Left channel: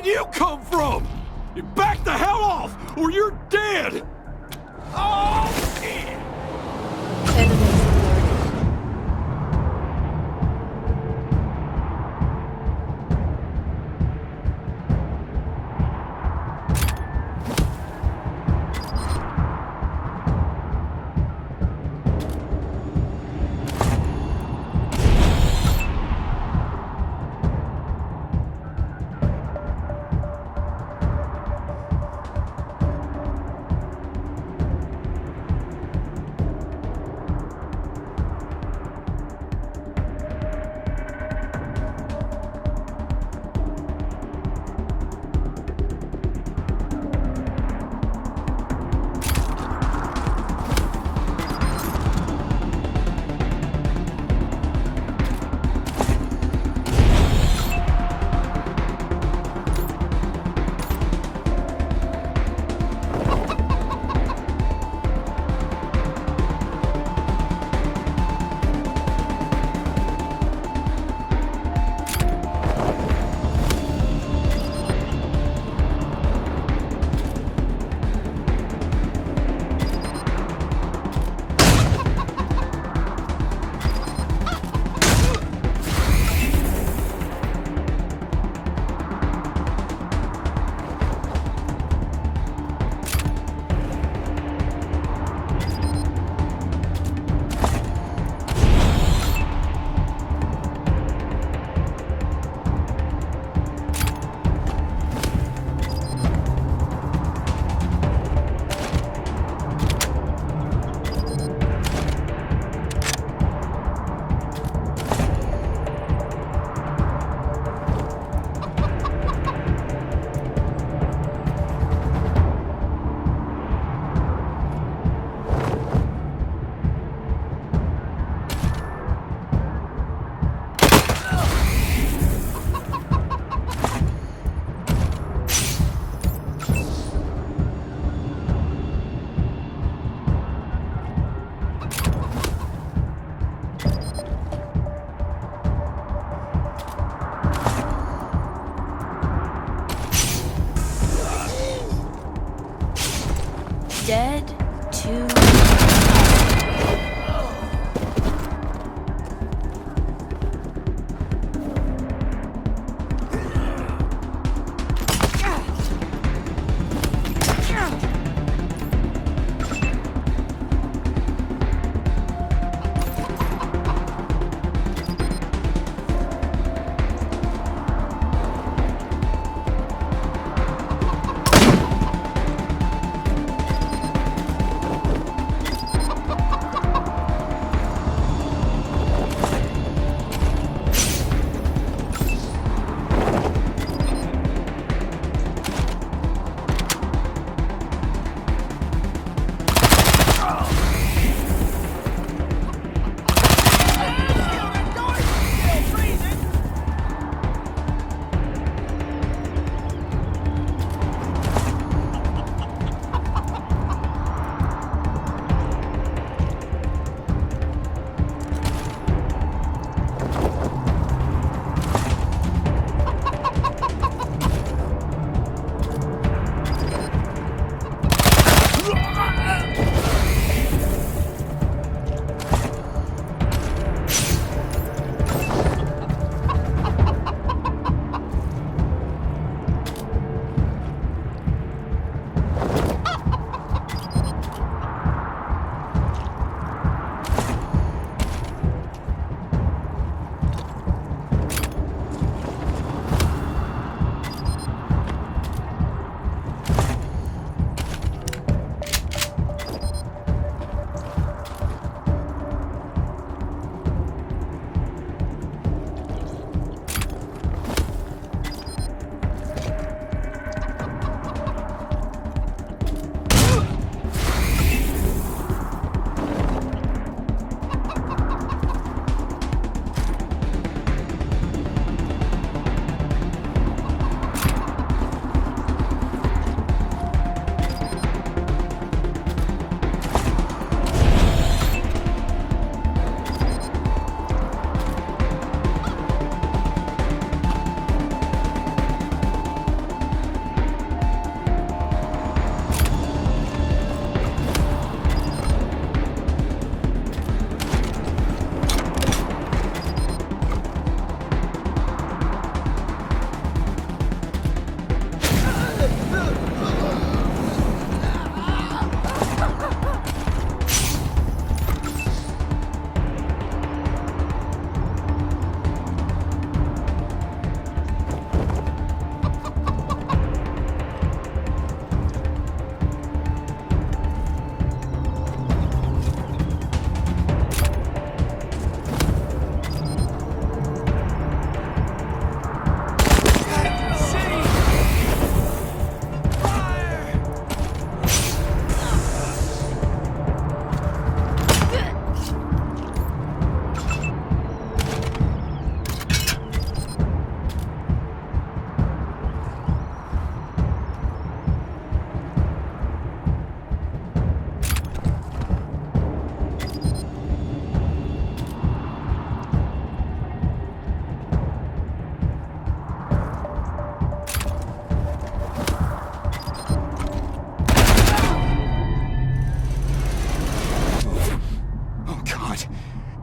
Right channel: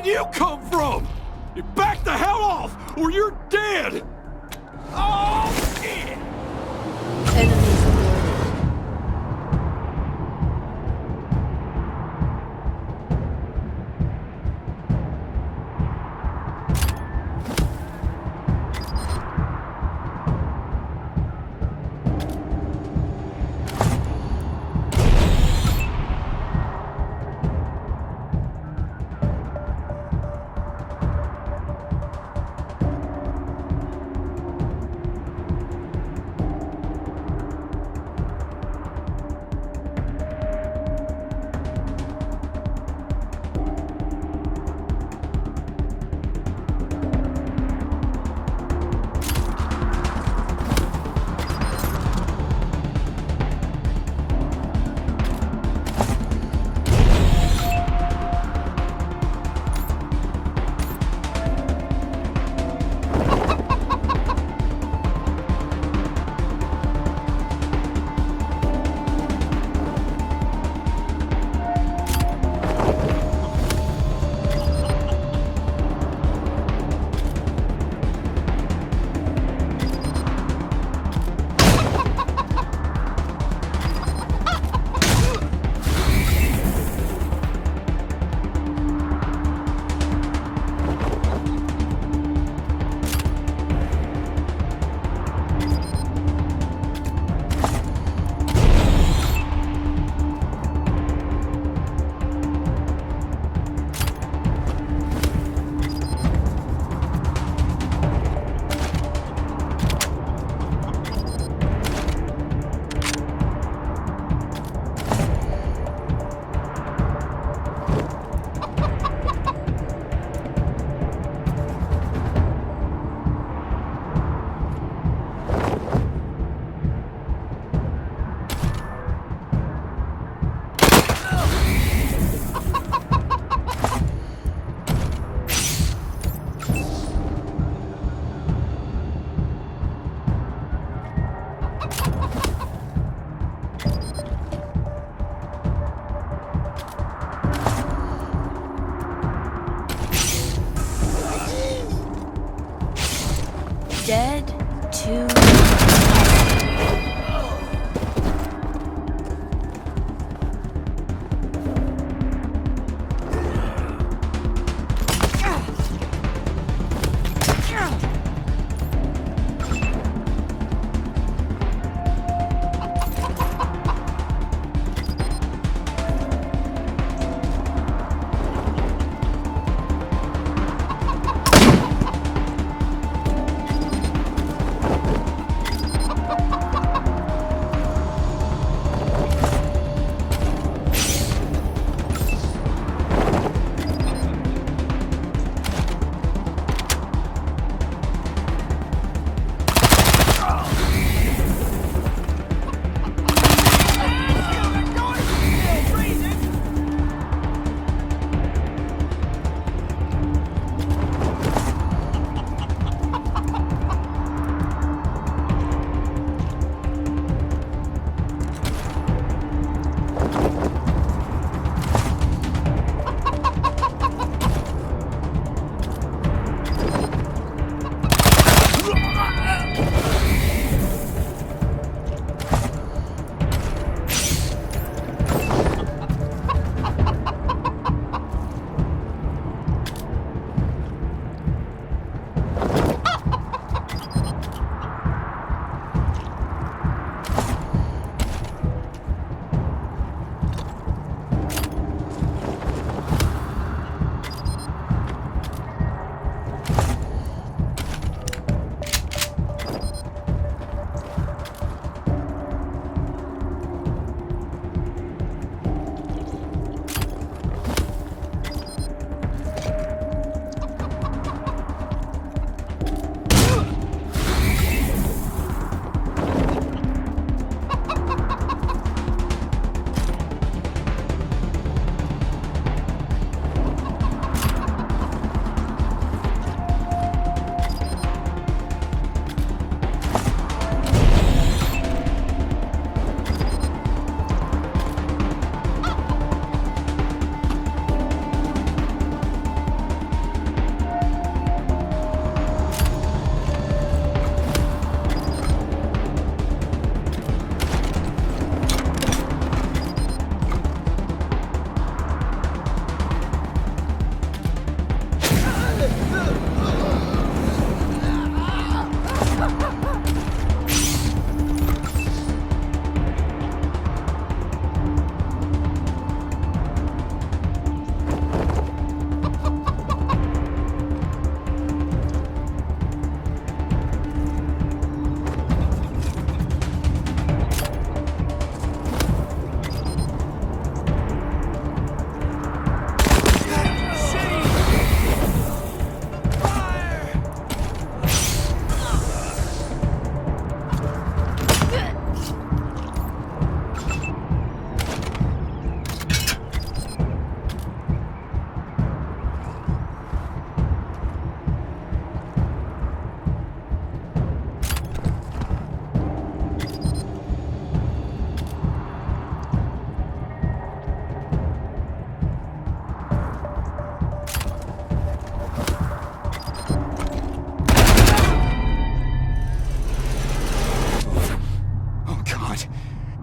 did you come from? You back the hell off, or you're dead! Oh, shit! Enemies alerted.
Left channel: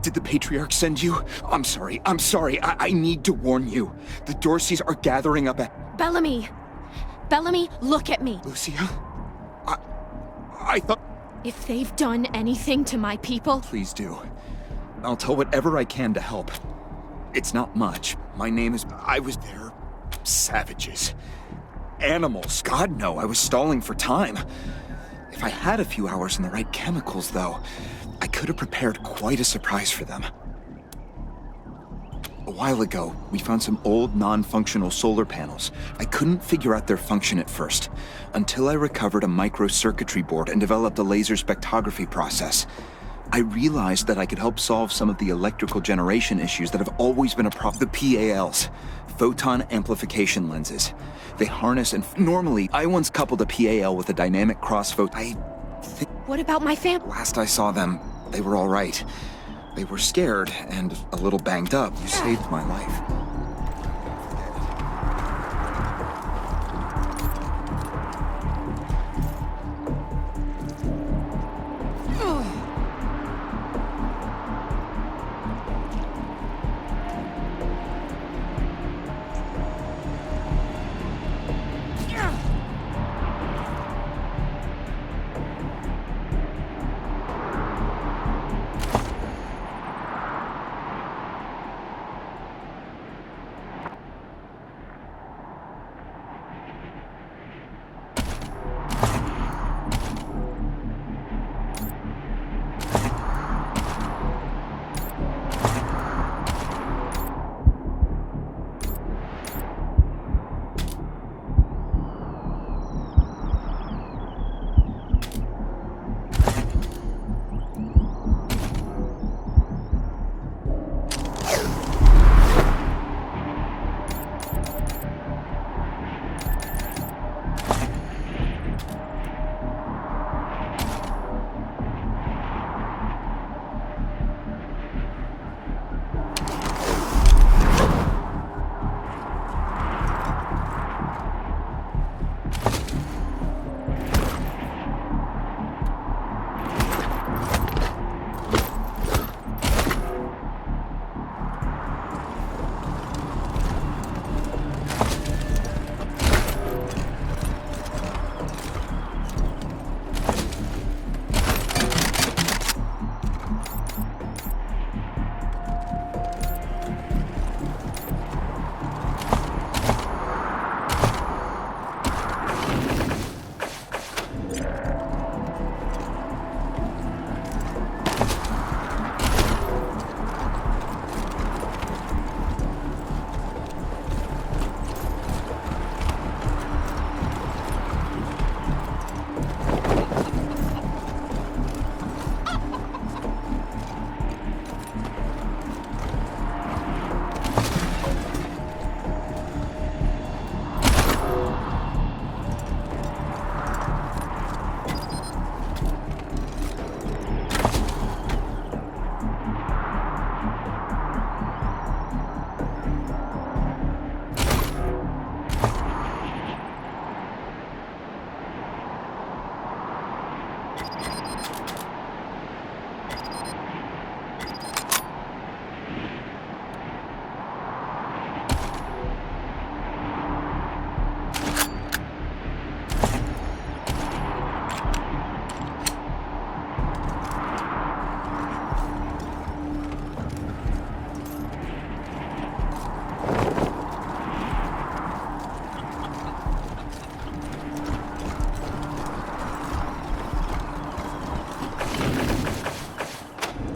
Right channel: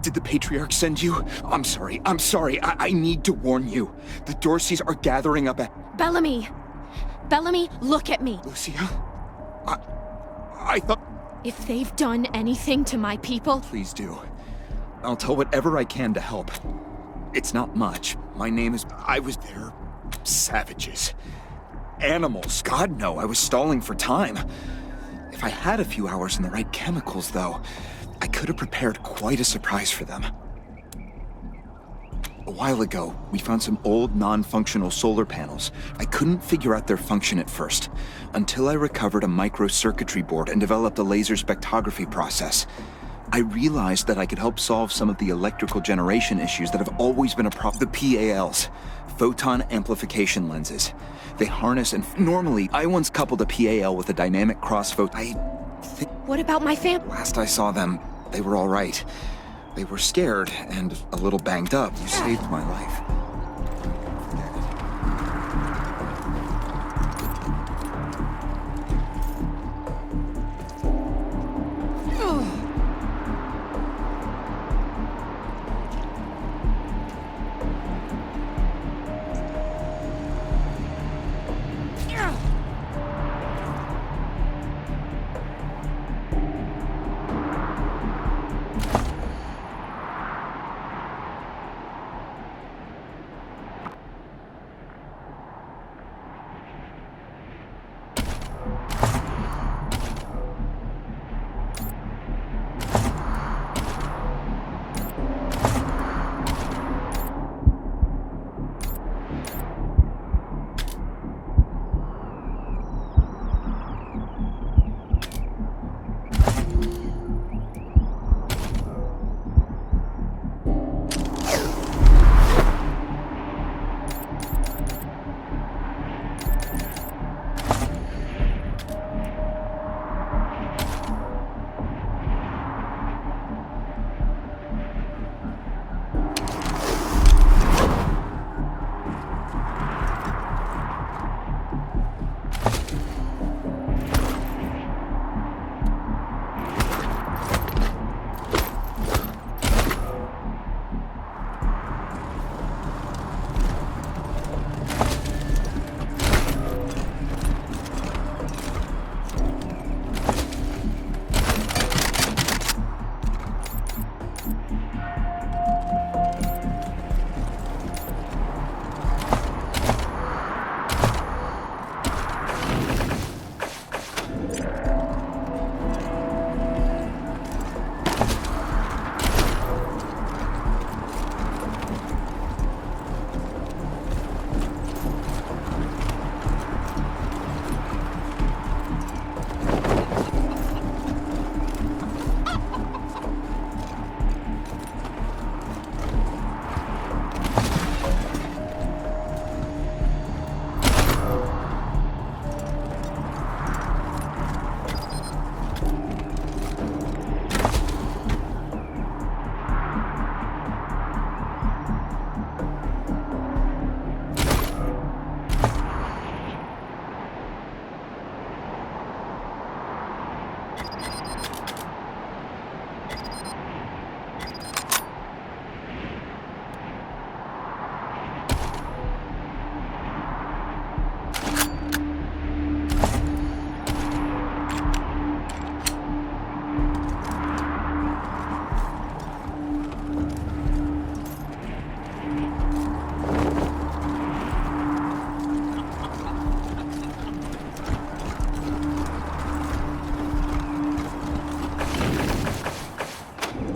Did the Patriarch send you? I'm sorry. I need to warn you. The Dorseys are gathering up at... Bellamy! Bellamy, look at me! Lucia? I thought... If they've done anything to my people... Please do. I'll tell whatever I can to help. It's not much. My name is... I was there. Savages. Animals. God, no. I was stalling for time. If I had a few hours and the right chemicals, though, I could have prepared quite a surprise for them. A while ago, we found some old, non-functional solar panels. I couldn't figure out their function at first, until I recovered a microcircuitry board and developed a laser spectrography process. I realized that I could help solve some of the electrical generation issues that have always been a problem. The PALs, photon amplification lenses. They harness and... Normally, I once coupled a PAL with a dynamic cross-photon... What about my Last I saw them, they were all right. They were scared and a little banged up. You saved my life.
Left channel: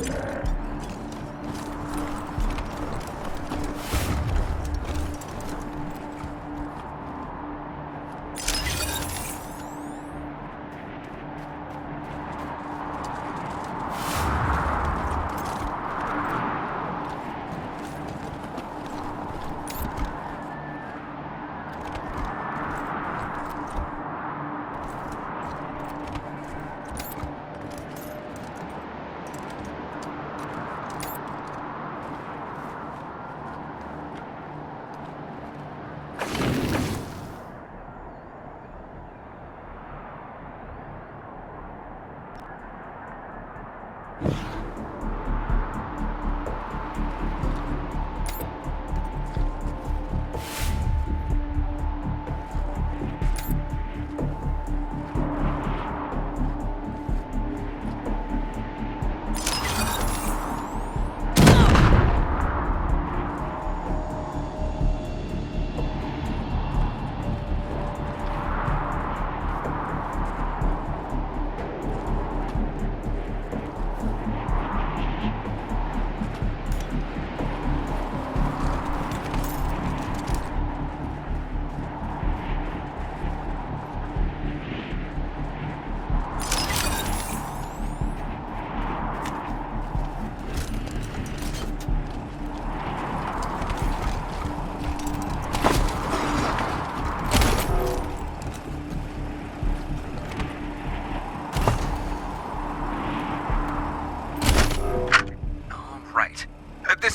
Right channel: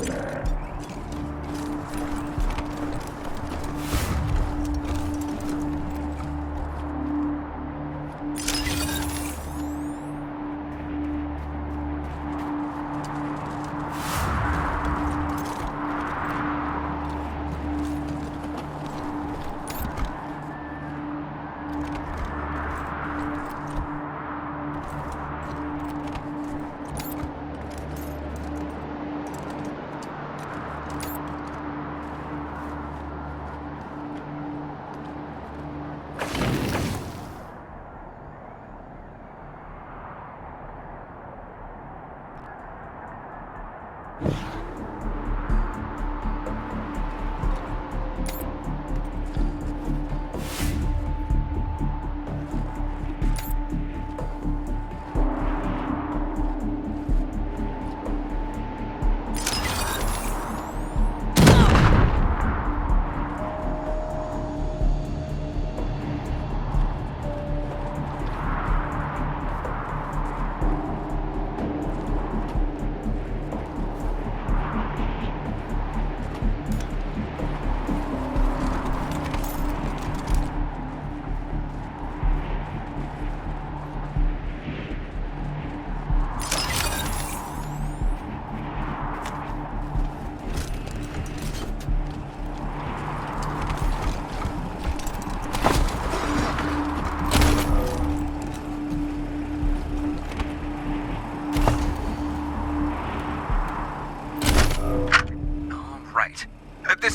Forget it.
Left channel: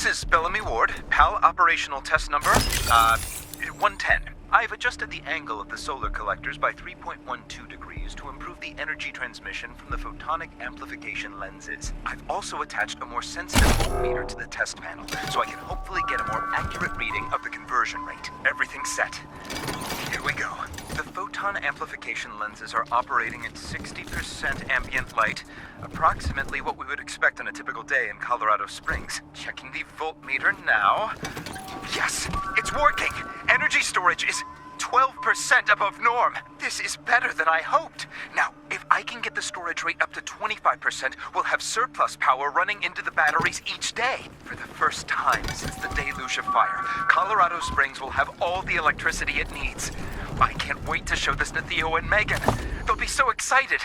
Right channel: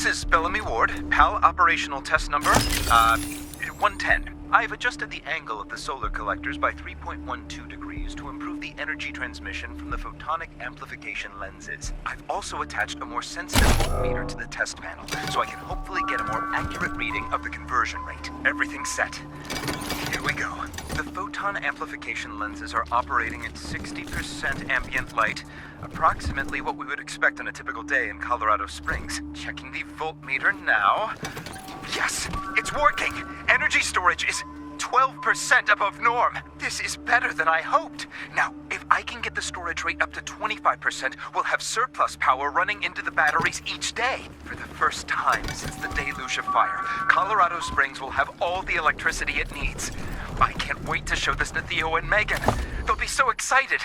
This is Bellamy Ward, PAL operational test number, 110. I've adjusted the angle of the solar collectors by 3.12 degrees to improve the energy transmission from the photonic amplification lenses. I've also attached a more sensitive voltmeter to the test panel, so I can hopefully get a more accurate reading of the conversion rate. Everything's set. Here we go. The photon amplification lenses are operating at 60% ambient light, approximately what we would expect on a typical day in Colorado Springs. Checking the voltmeter now. Yes, it's working! Energy storage is 12% above norm. This is better than I hoped. Now, if I can get the storage rate up to 25%, we'll have surplus power running into the batteries each day. For the first time since the deluge of fire, Colorado Springs will have all the electricity it needs. I can't wait to show this to Theo and Megan. They'll be so excited.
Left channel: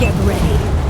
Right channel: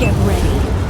Get ready.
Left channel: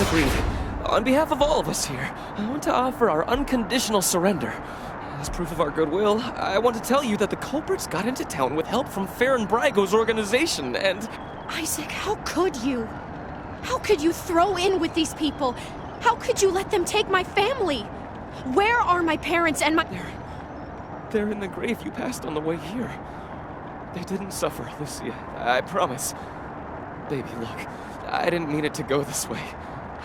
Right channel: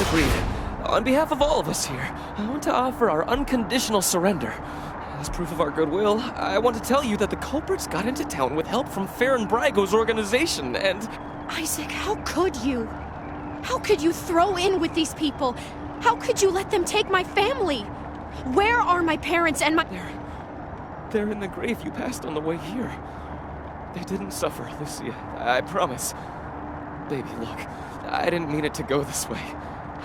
as agreed, on behalf of all of us here, I want to offer our unconditional surrender. As proof of our goodwill, I want to tell you that the culprits got into town with help from Farron Brago's organization, and... Isaac, how could you? How could you throw in with these people? How could you let them take my family? Where are my parents and my... They're in the grave you passed on the way here. They didn't suffer, Lucia, I promise. Baby, look, I didn't mean it to go this way.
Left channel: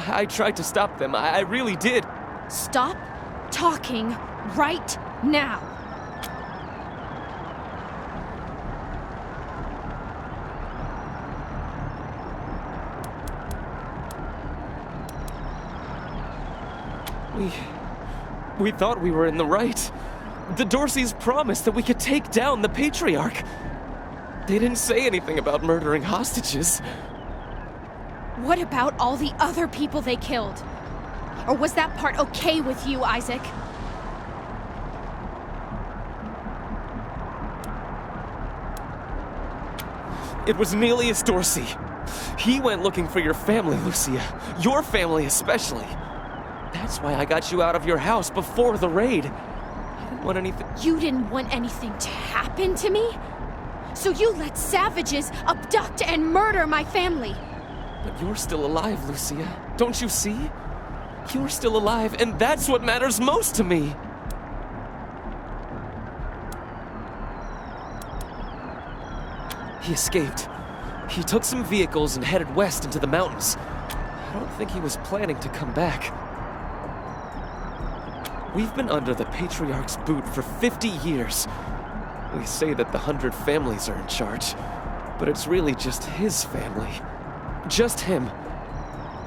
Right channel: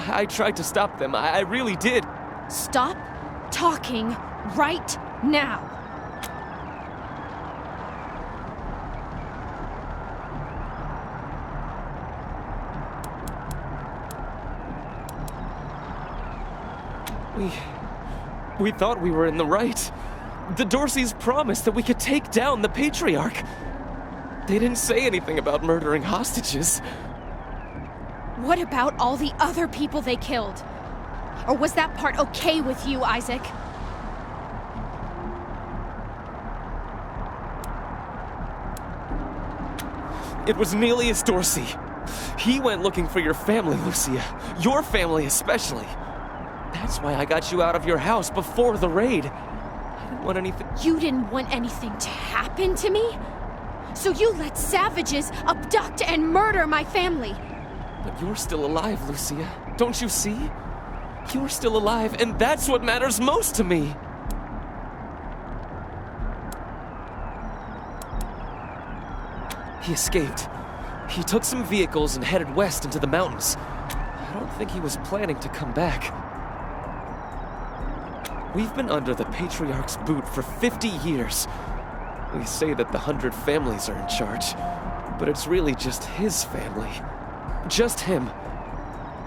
I tried to stop them, I really did. Stop talking right now. We thought we were in the right. The Dorseys promised that we could take down the Patriarch. They didn't say anything about murdering hostages. What about all the other people they killed? Or was that part okay with you, Isaac? It was Nelius Dorsey. He went looking for your family, Lucia. Your family especially. That's why I got you out of your house before the raid. I didn't want anything... You didn't want anything to happen to me? So you let savages abduct and murder my family. But you're still alive, Lucia. Don't you see? You're still alive, and that's what matters most to me. He escaped. He took some vehicles and headed west into the mountains. I don't think he was planning to come back. We've been under the Patriarch's boot for 50 years. We say that the 100 families are in charge, but it's really just his family. Just him.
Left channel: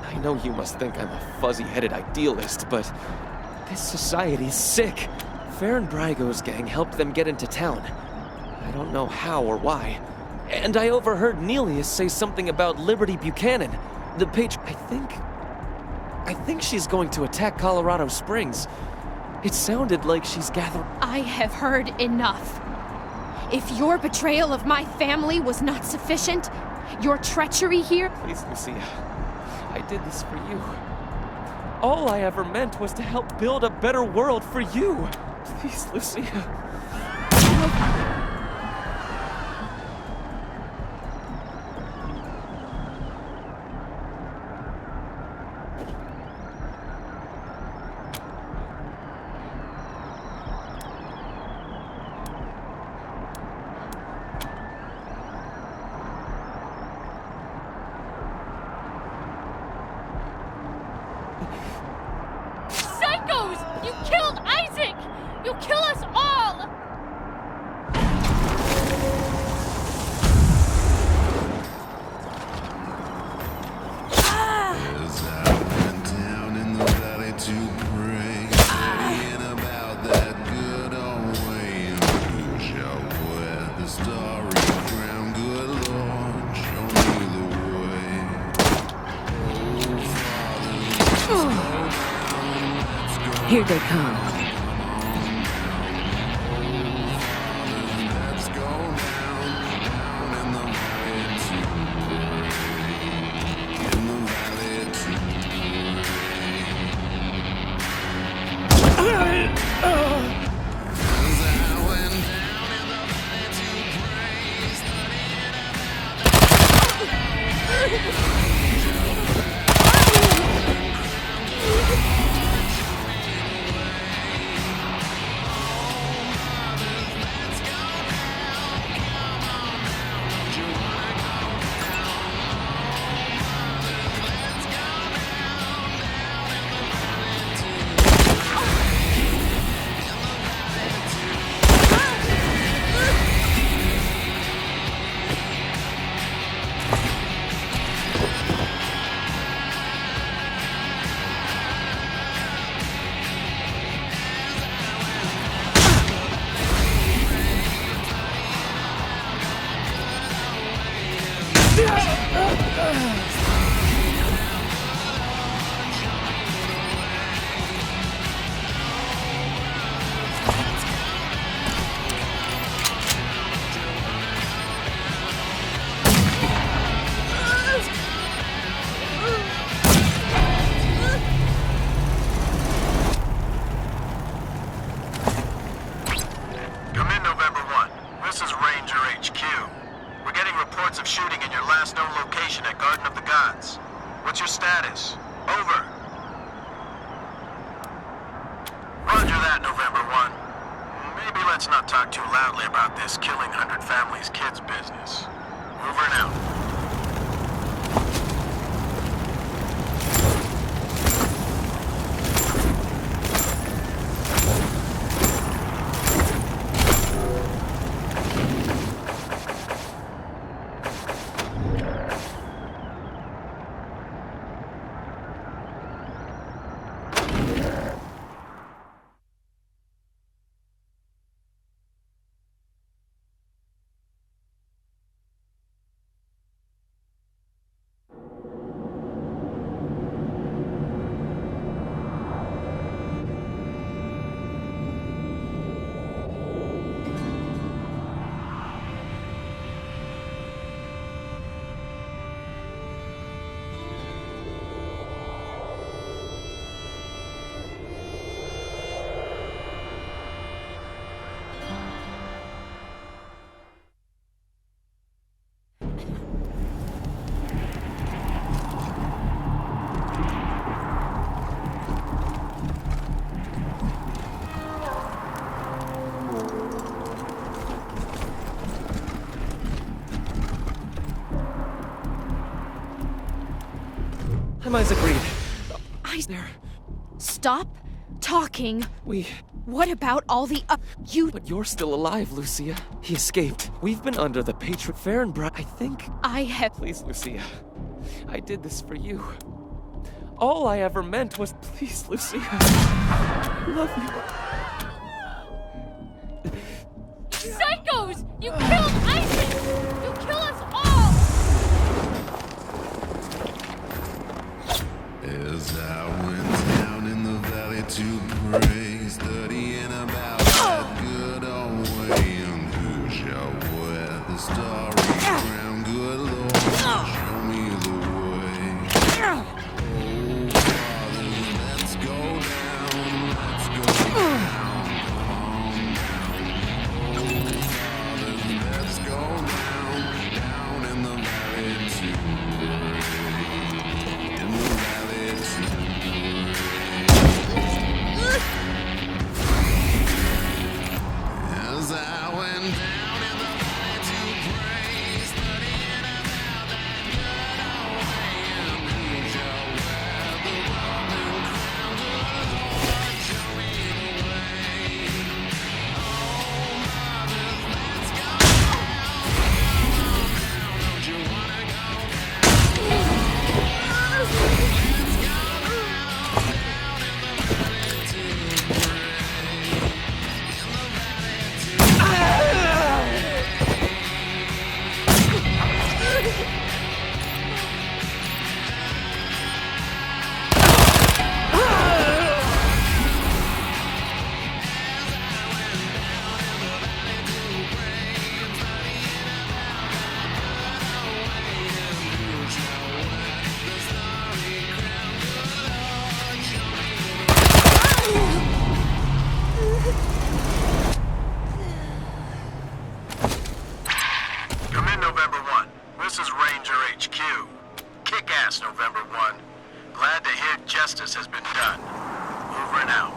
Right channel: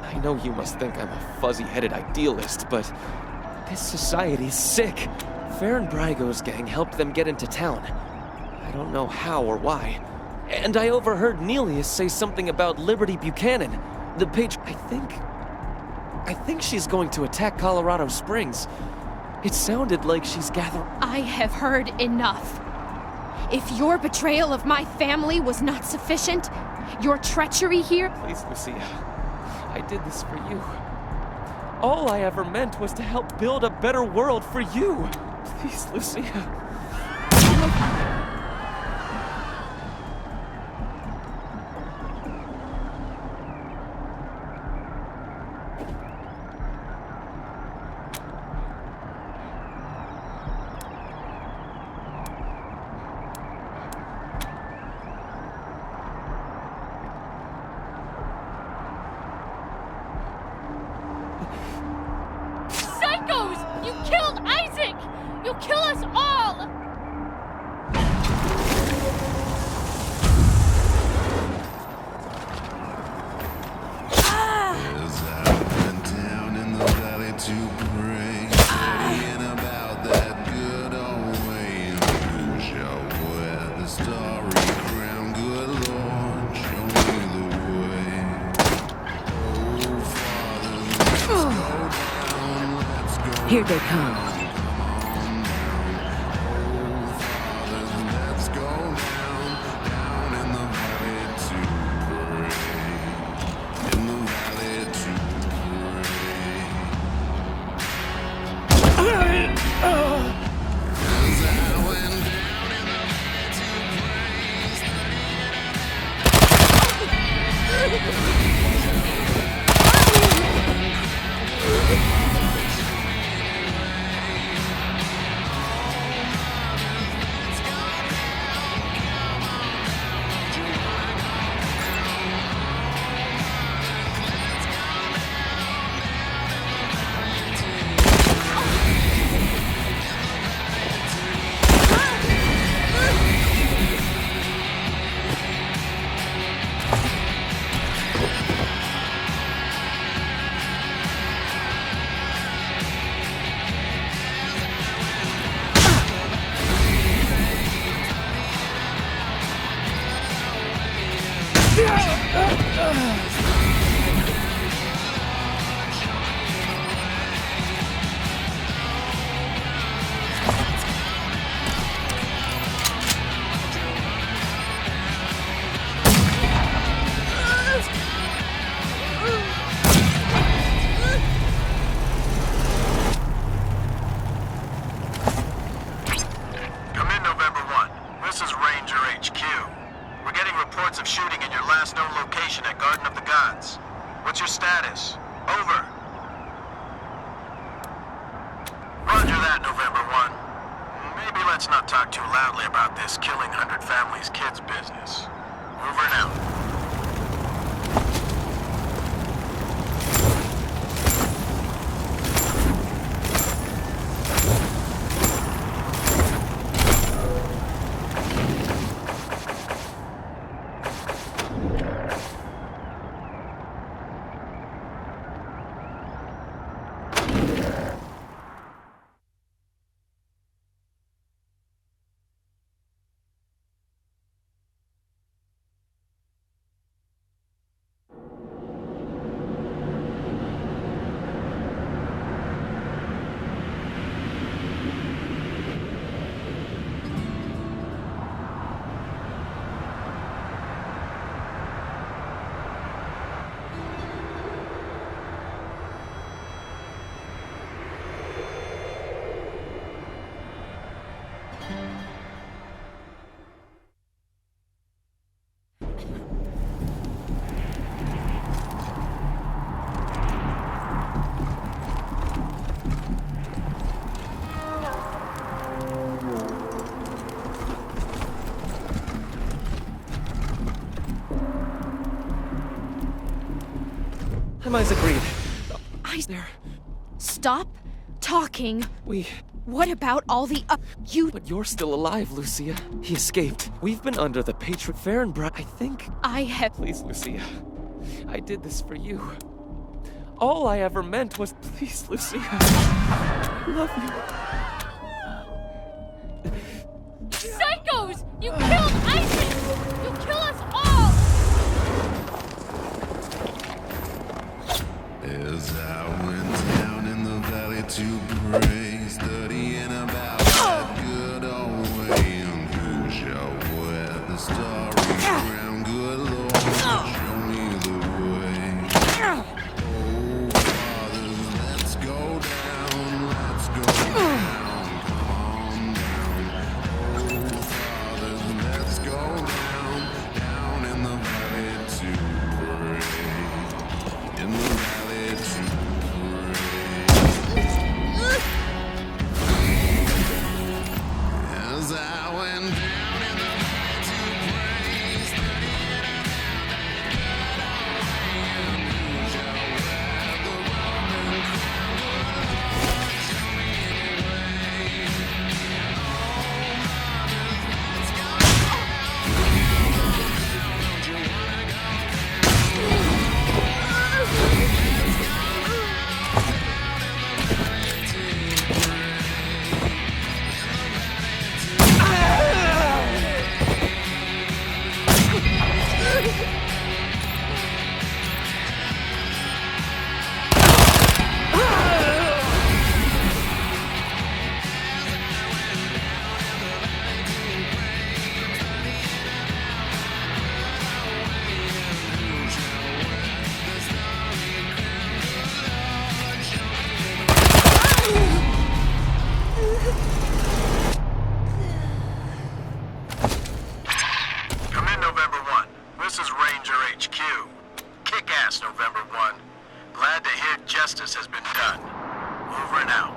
I know you must think I'm a fuzzy-headed idealist, but this society's sick. Farron Brago's gang helped them get into town. I don't know how or why. And I overheard Nelius say something about Liberty Buchanan. The I think she's going to attack Colorado Springs. It sounded like she's gathering... I have heard enough. If your betrayal of my family was not sufficient, your treachery here... Please, Lucia. I did this for you. All I ever meant was to help build a better world for you. Please, Lucia. Psychos! You killed Isaac! You'll kill us all! As I went down in the valley to pray, studying about that good old way. Who shall wear the starry crown? Good Lord, show me the way. Oh, Father, let's go down, let's go. Here they come. Come on down. Oh, Father, let's go down in the valley to pray. In the valley to pray. As I went down in the valley to pray, studying let's go down. Come on down, don't you wanna go down? Let's go down in the valley to This is Ranger HQ. We're getting reports of shooting in your last known location at Garden of the Gods. What's your status? Over. Roger that, November 1. Maybe let's not talk too loudly about this killing 100 families kids business. Over and out. Emi's agreed. There. Stop talking. We... What about all the you? But you're still alive, Lucia. He escaped. We've been under the Patriot Fahrenbrat. I think... I have... Please, Lucia. I did this for you. All I ever meant was... Please, Lucia. I love you. Psychos! You killed Isaac! You kill us all! As I went down in the valley to pray, studying about that good old way, and who shall wear the starry crown? Good Lord, show me the way. Oh, fathers, let's go down, let's go down, come on down. Oh, fathers, let's go down, down in the valley to pray. In the valley to pray. As I went down in the valley to pray, studying about that good old way, and who shall wear the Roman crown? Good Lord, show me the way. Oh, mothers, let's go down. Come on down, don't you wanna go down? Let's go down, down in the valley to pray. In the valley to Come in, November 1. This is Ranger HQ. Kick ass, November 1. Glad to hear justice has been done. Over and out.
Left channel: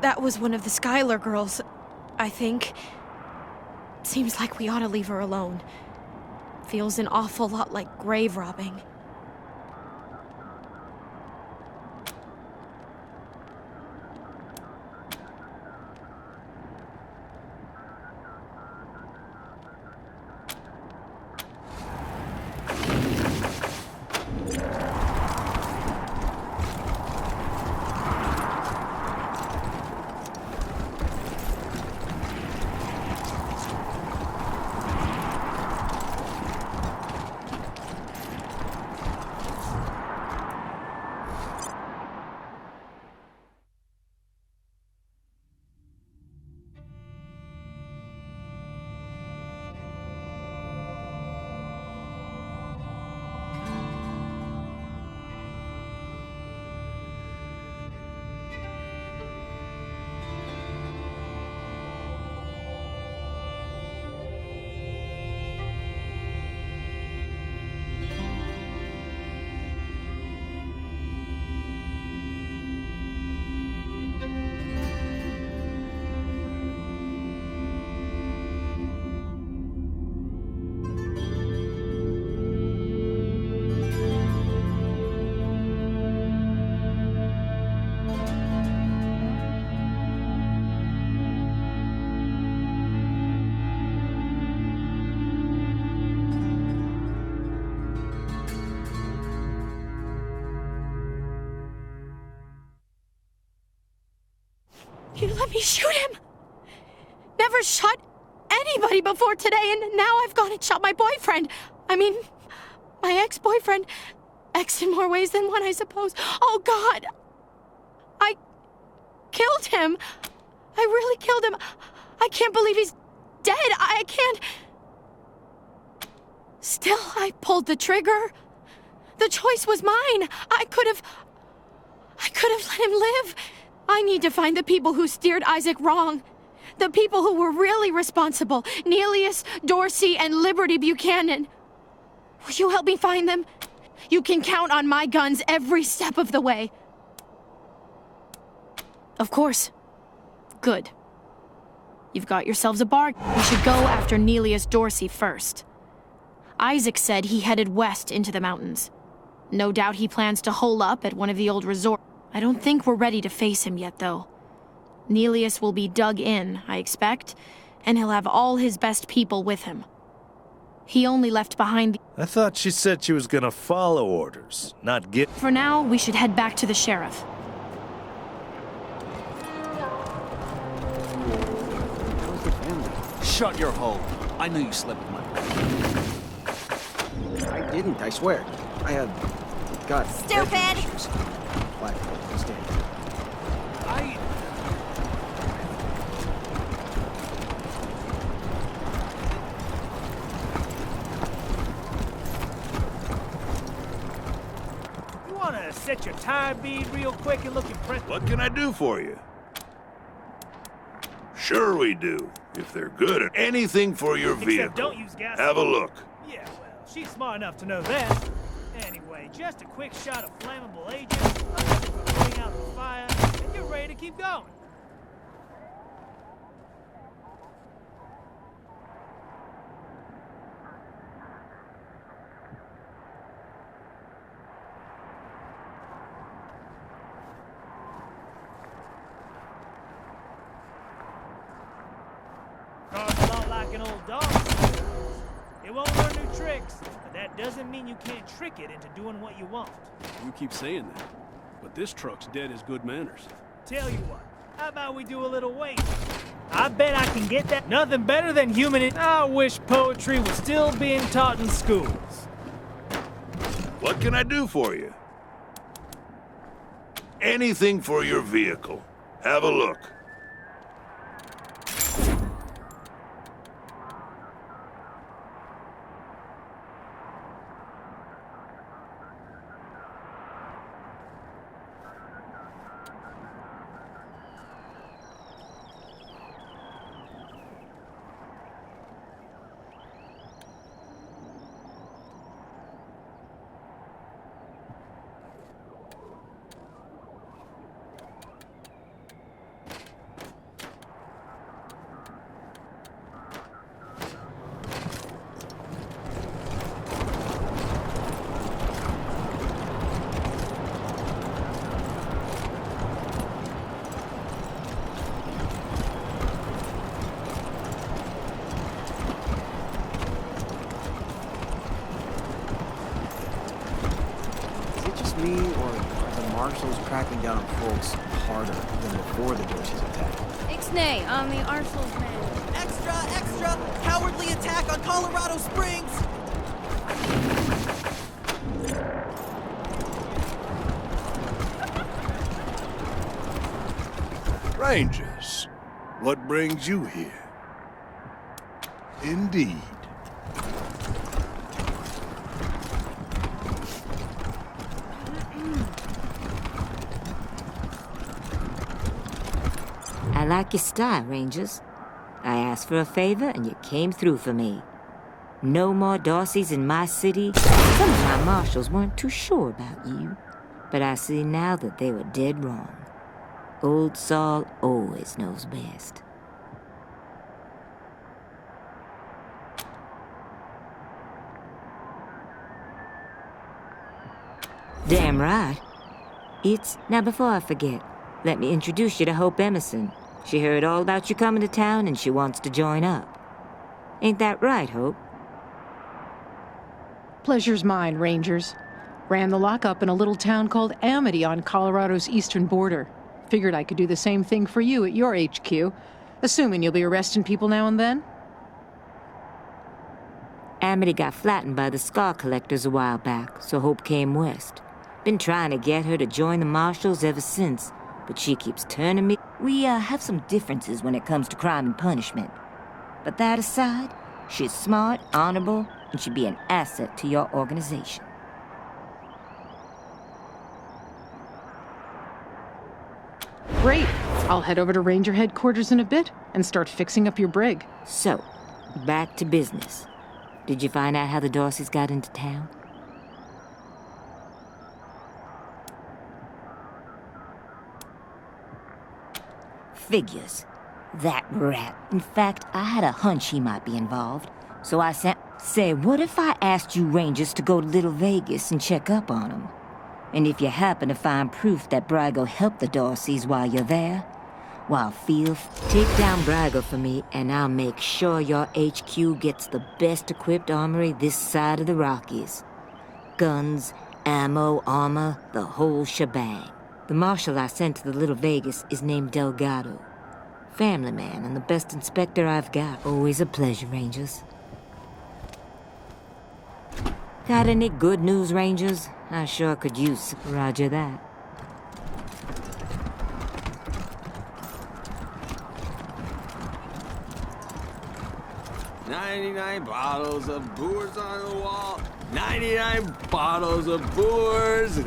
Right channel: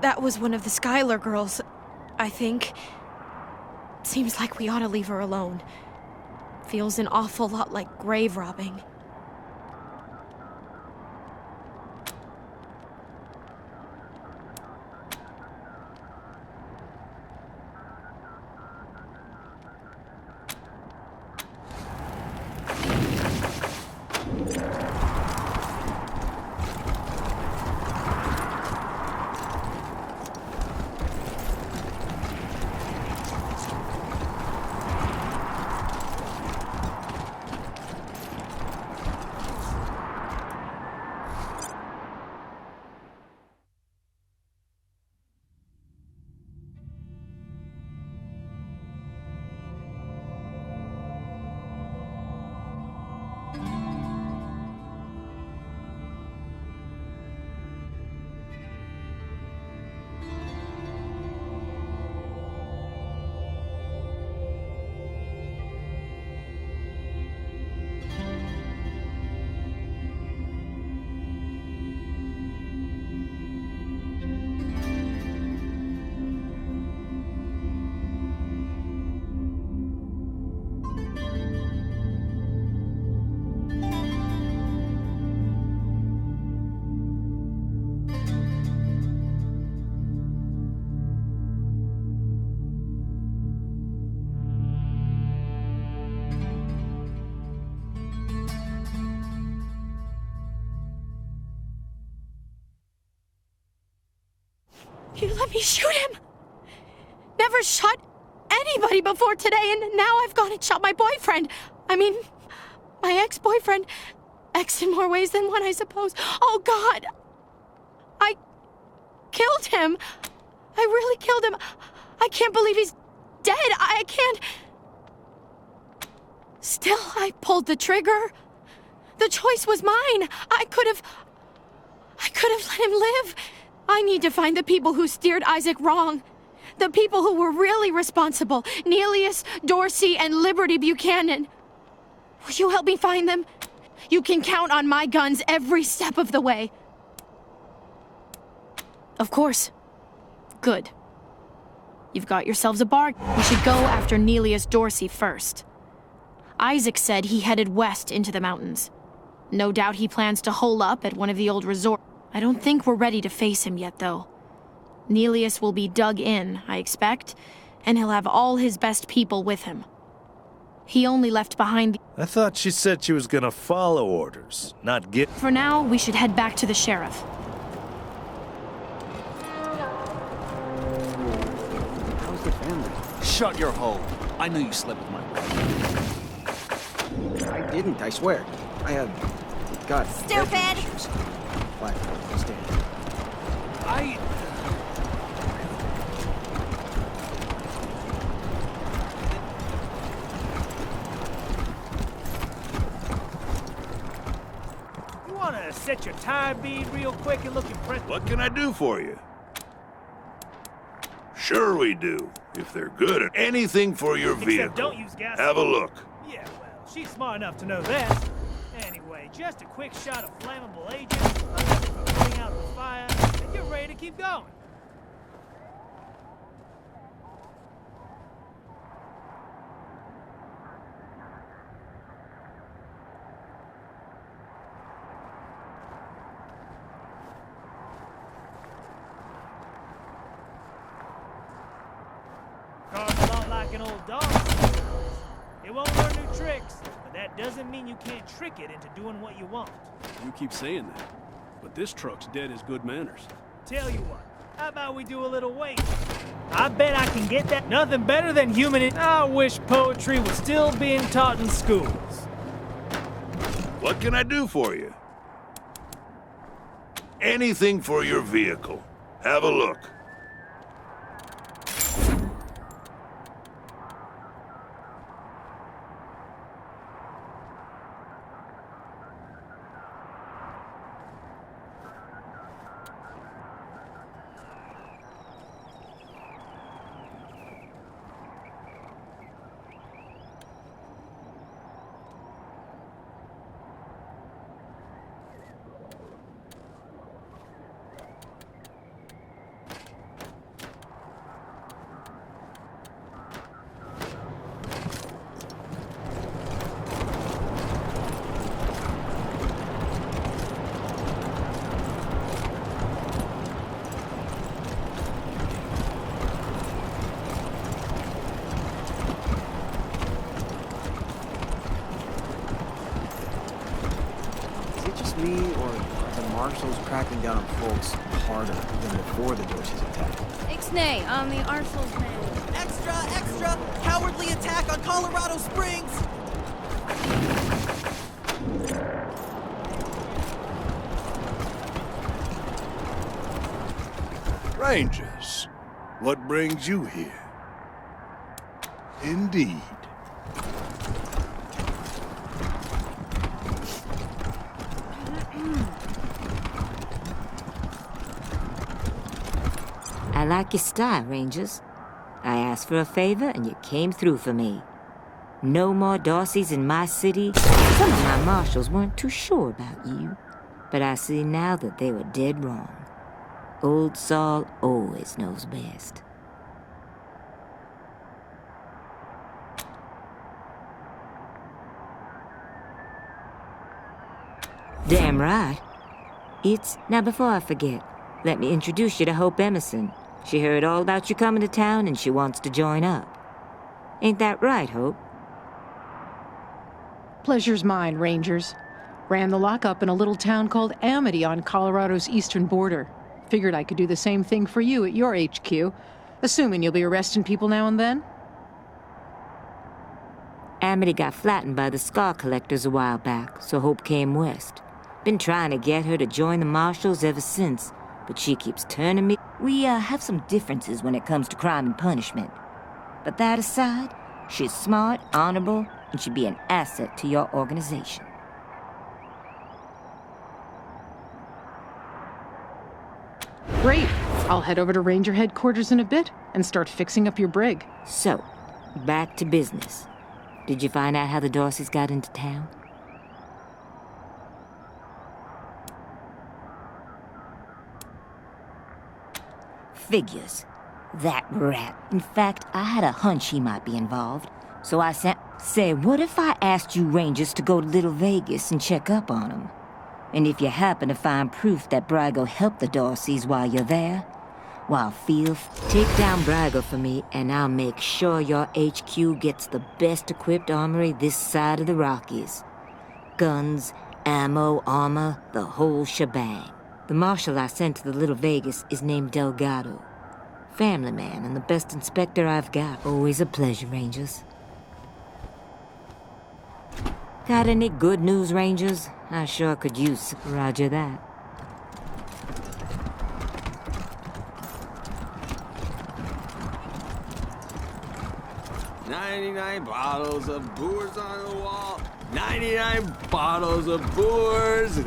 That was one of the Skylar girls, I think. Seems like we ought to leave her alone. Feels an awful lot like grave robbing. You let me shoot him! Never shot anybody before today, and now I've gone and shot my boyfriend. I mean, my ex-boyfriend. Ex in more ways than one, I suppose. Oh, God! I killed him. I really killed him. I can't believe he's dead. I can't... Still, I pulled the trigger. The choice was mine. I could have let him live. I need to find the people who steered Isaac wrong. The people who were really responsible. Neelius, Dorsey, and Liberty Buchanan. Will you help me find them? You can count on my guns every step of the way. Of course. Good. You've got yourselves a bargain. We should go after Neelius Dorsey first. Isaac said he headed west into the mountains. No doubt he plans to hole up at one of the old resorts. I don't think we're ready to face him yet, though. Neelius will be dug in, I expect, and he'll have all his best people with him. He only left behind the... I thought she said she was gonna follow orders, not get... For now, we should head back to the sheriff. How's the family? Shut your hole. I knew you slept with my wife. I didn't, I swear. I had... God... Stupid! You wanna set your tire bead real quick and look impressive? What can I do for you? Sure we do. If they're good at anything for your vehicle. Except don't use gas. Have a look. Yeah, well, she's smart enough to know that. Anyway, just a quick shot of flammable agent, nothing for putting out the fire, and you're ready to keep going. Car's a lot like an old dog. It won't learn new tricks, but that doesn't mean you can't trick it into doing what you want. You keep saying that, but this truck's dead as good manners. Tell you what, how about we do a little wait? I bet I can get that. Nothing better than I wish poetry was still being taught in schools. What can I do for you? Anything for your vehicle. Have a look. me, or are the marshals cracking down on folks harder than before the Dorseys attacked? Ixnay, I'm the Arsenal's man. Extra, extra! Cowardly attack on Colorado Springs! Rangers, what brings you here? Indeed. I like your style, Rangers. I asked for a favor and you came through for me. No more Darcys in my city. Some of my marshals weren't too sure about you, but I see now that they were dead wrong. Old Saul always knows best. Damn right. Now before I forget, let me introduce you to Hope Emerson. She heard all about you coming to town and she wants to join up. Ain't that right, Hope? Pleasure's mine, Rangers. Ran the lockup in a little town called Amity on Colorado's eastern border. Figured I could do the same thing for you at your HQ, assuming you'll be arresting people now and then. Amity got flattened by the scar collectors a while back, so Hope came west. Been trying to get her to join the marshals ever since, but she keeps turning me. We have some differences when it comes to crime and punishment. But that aside, she's smart, honorable, and should be an asset to your organization. Great. I'll head over to Ranger headquarters in a bit and start fixing up your brig. So, back to business. Did you find out how the Dorseys got into town? Figures. That rat. In fact, I had a hunch he might be involved. So I sent... Say, what if I asked you Rangers to go to Little Vegas and check up on him? And if you happen to find proof that Brago helped the Dorseys while you're there, well, take down Brago for me and I'll make sure your HQ gets the best equipped armory this side of the Rockies. Guns, ammo, armor, the whole shebang. The marshal I sent to the Little Vegas is named Delgado. Family man and the best inspector I've got. Always a pleasure, Rangers. Got any good news, Rangers? I sure could use. Roger that. $99 bottles of booze on the wall. 99 bottles of booze.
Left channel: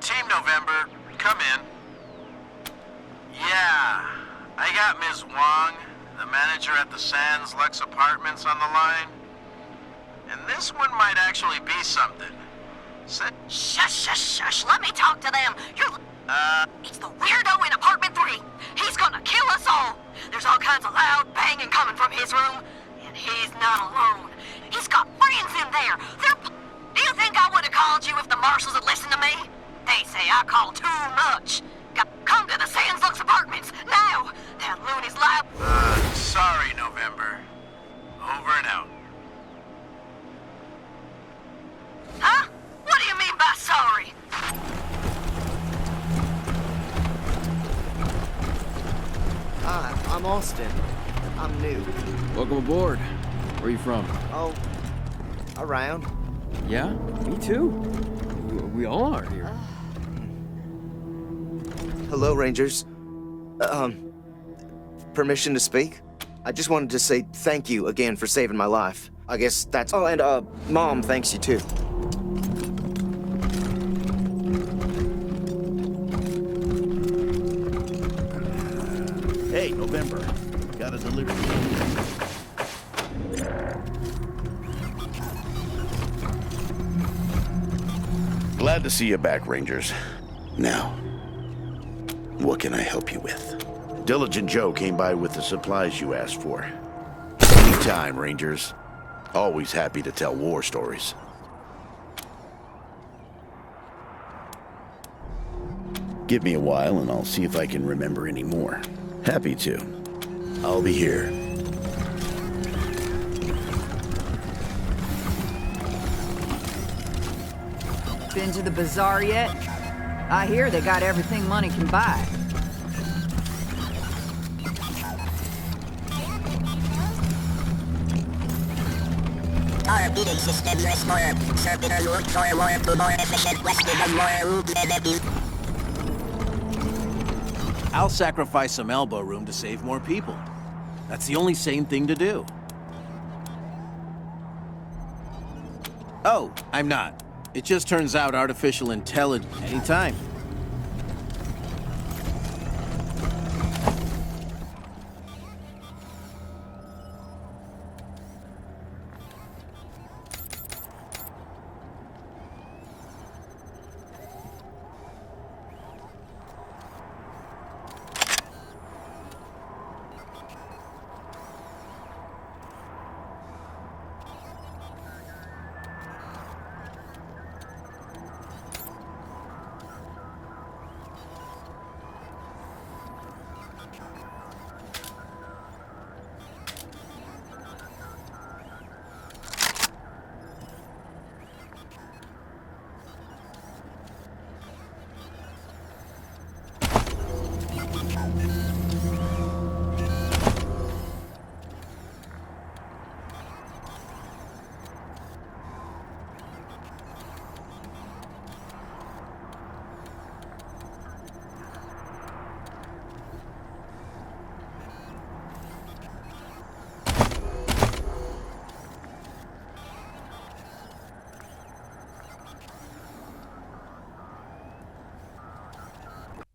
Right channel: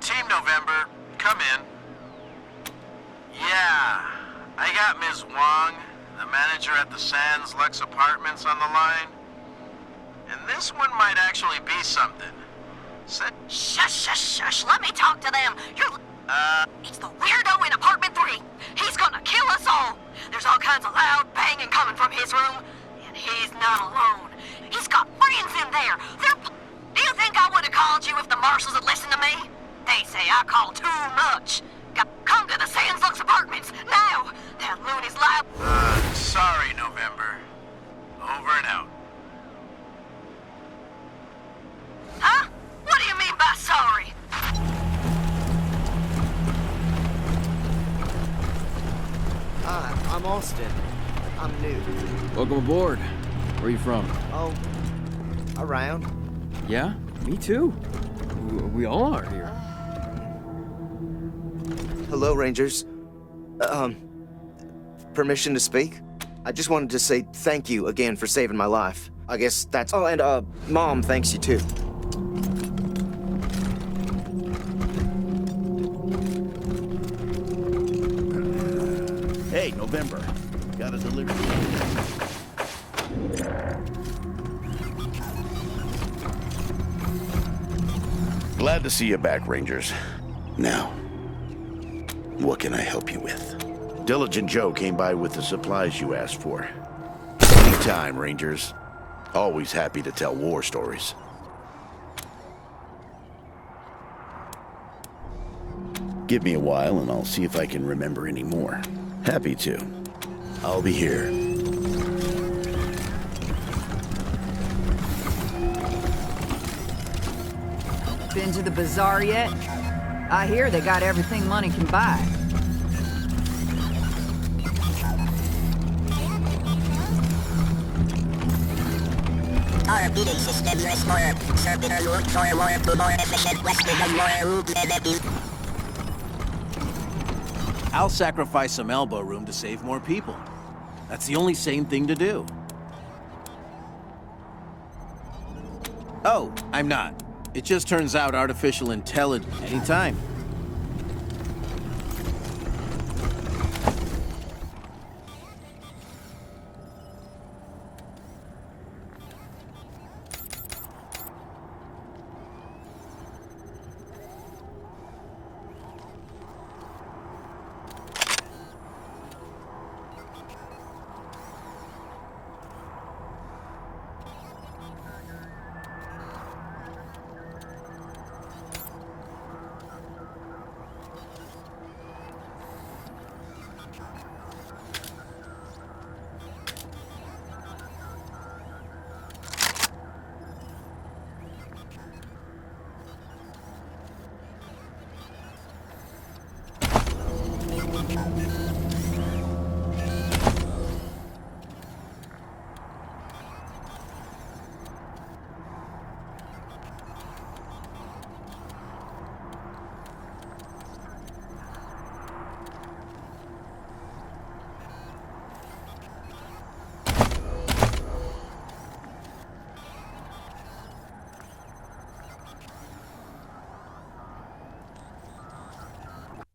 Team November, come in. Yeah, I got Ms. Wong, the manager at the Sands Lux Apartments, on the line. And this one might actually be something. Shush, shush, shush. Let me talk to them. It's the weirdo in apartment 3. He's gonna kill us all. There's all kinds of loud banging coming from his room. And he's not alone. He's got friends in there. Do you think I would have called you if the marshals had listened to me? They say I call too much. Come to the Sands Lux Apartments, now! That loony's loud. Sorry, November. Over and out. Huh? What do you mean by sorry? Hi, I'm Austin. I'm new. Welcome aboard. Where are you from? Oh, around. Yeah, me too. We all are here. Hello, Rangers. Permission to speak? I just wanted to say thank you again for saving my life. I guess that's... Oh, and, Mom thanks you too. Hey, November. Got a delivery. Glad to see you back, Rangers. Now, what can I help you with? Diligent Joe came by with the supplies you asked for. Anytime, Rangers. Always happy to tell war stories. Give me a while and I'll see if I can remember any more. Happy to. I'll be here. Been to the bazaar yet? I hear they got everything money can buy. Our bidding system is more circular route for more efficient Westland and more route benefit. I'll sacrifice some elbow room to save more people. That's the only sane thing to do. Oh, I'm not. It just turns out artificial intelligence anytime.